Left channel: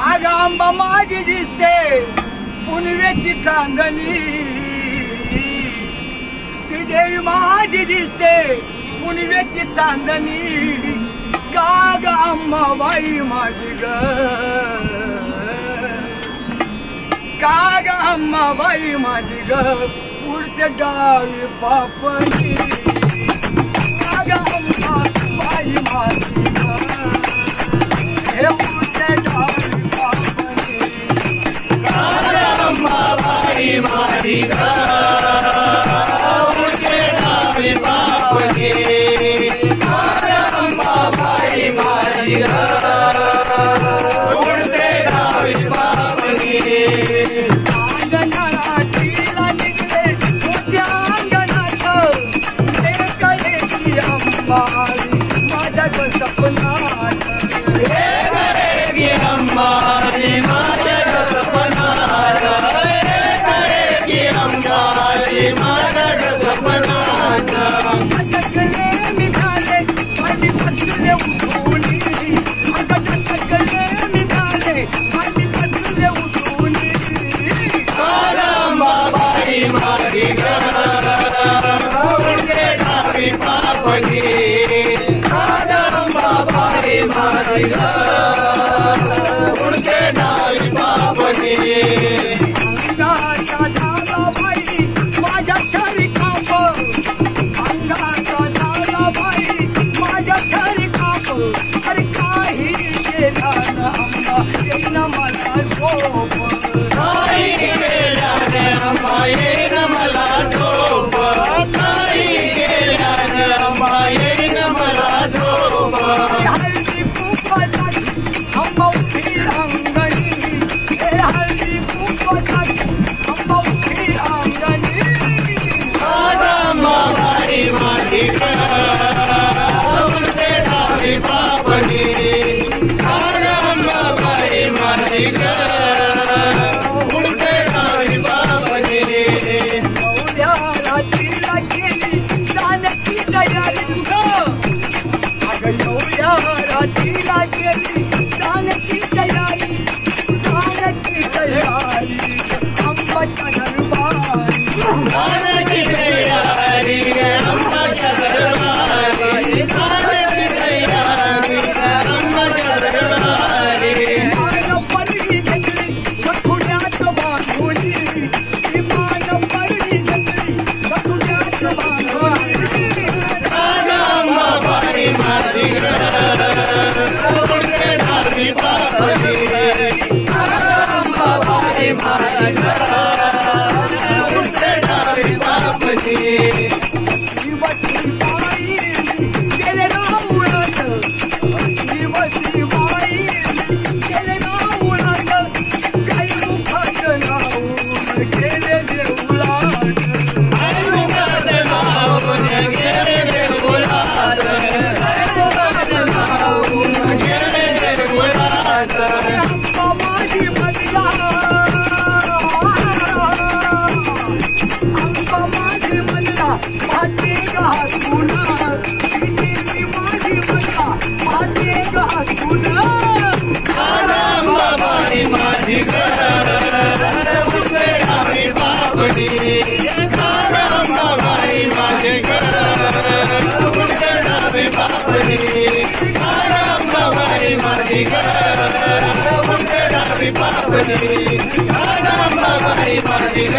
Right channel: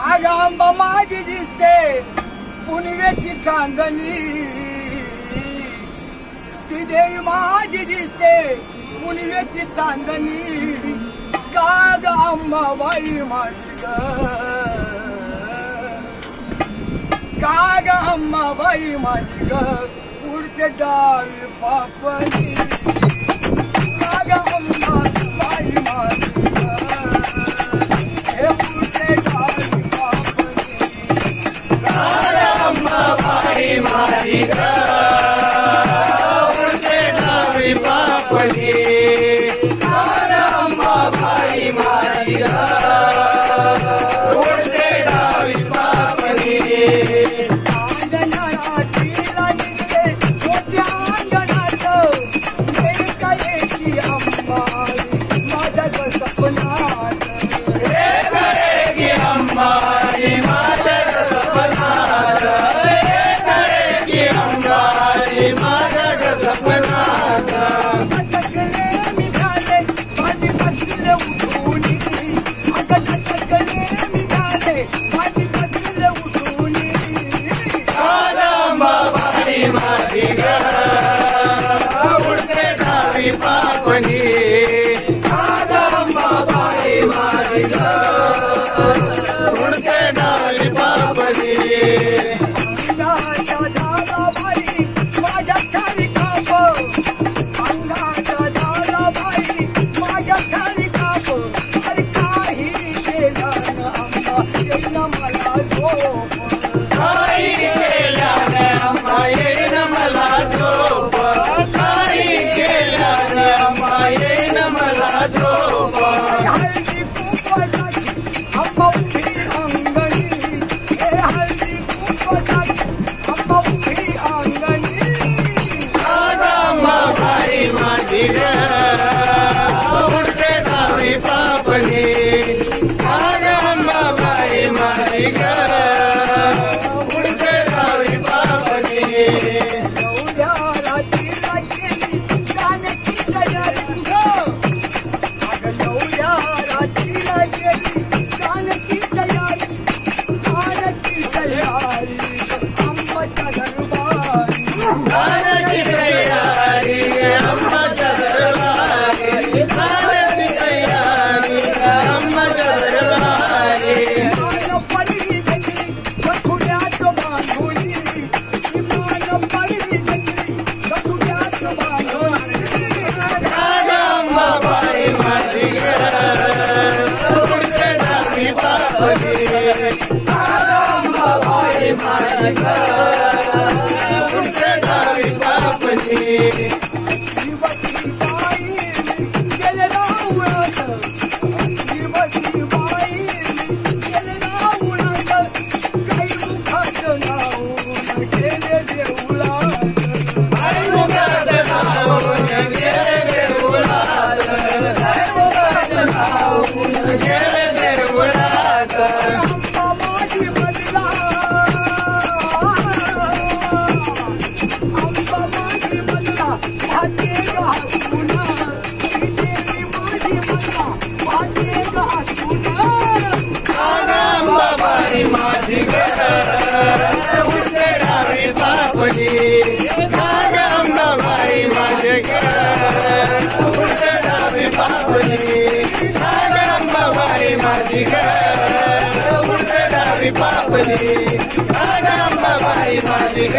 आग आंबा माझी दिसते पुनवेची चांदणी, ती देवी माझी दिसते पुनवेची चांदणी, काग अंबाबाई माझी ग, काग अंबाबाई माझी ग, उडते डावी पापणी, काग अंबाबाई माझी ग, हे उडते डावी पापणी, काग अंबाबाई माझी ग, उडते डावी पापणी, काग अंबाबाई माझी ग, उडते डावी पापणी, अंगणाला निघले मोठ्या अंगणात, एका एकी अंबाबाई माझ्या ग सपनात, एका एकी अंबाबाई माझ्या ग सपनात, एका एकी अंबाबाई माझ्या ग सपनात, अटकले निघाले आणि बसले उठून, अगं अटकले निघाले आणि बसले उठून, अंबाबाई माझी ग, उडते डावी पापणी, अंबाबाई माझी ग, उडते डावी पापणी, अंगाच्या झाला बाई माझ्या खाली काप, अंगाच्या झाला बाई माझ्या खाली काप, अरे काही केला ना अंबा येईन मला झोप, काही केला ना अंबा येईन मला झोप, काही केला ना अंबा येईन मला झोप, हळदी कुंकवाची अंबा उठी अंगणी, हे हळदी कुंकवाची अंबा उठी अंगणी, अंबाबाई माझी ग, उडते डावी पापणी, अंबाबाई माझी ग, उडते डावी पापणी, एवढ्या रात्रीला केली जाण्याची तयारी तुझं, अगं एवढ्या रात्रीला केली जाण्याची तयारी, जाण्याची तयारी अंबाच्या दरबारी, जाण्याची तयारी अंबाच्या दरबारी, जाण्याची तयारी अंबाच्या दरबारी, मान पडली घेतली गठुड्यात बांधुनी, मान पडली घेतली गठुड्यात बांधुनी, अंबाबाई माझी ग, उडते डावी पापणी, अंबाबाई माझी ग, उडते डावी पापणी, शिवची बाई गेले राऊळात, शिवची बाई गेले राऊळात, काही मुखात नाऊन गेले देऊळात, काही मुखात नाऊन गेले देऊळात, काही मुखात नाऊन गेले देऊळात, अंबा माझी बदला, अंबा माझी बदला भाटे घासून, देवी माझी बदला भाटे घासून, अंबाबाई माझी ग, उडते डावी पापणी, अंबाबाई माझी ग, उडते डावी पापणी, अंबाबाई माझी ग, उडते डावी पापणी, अंबाबाई माझी ग.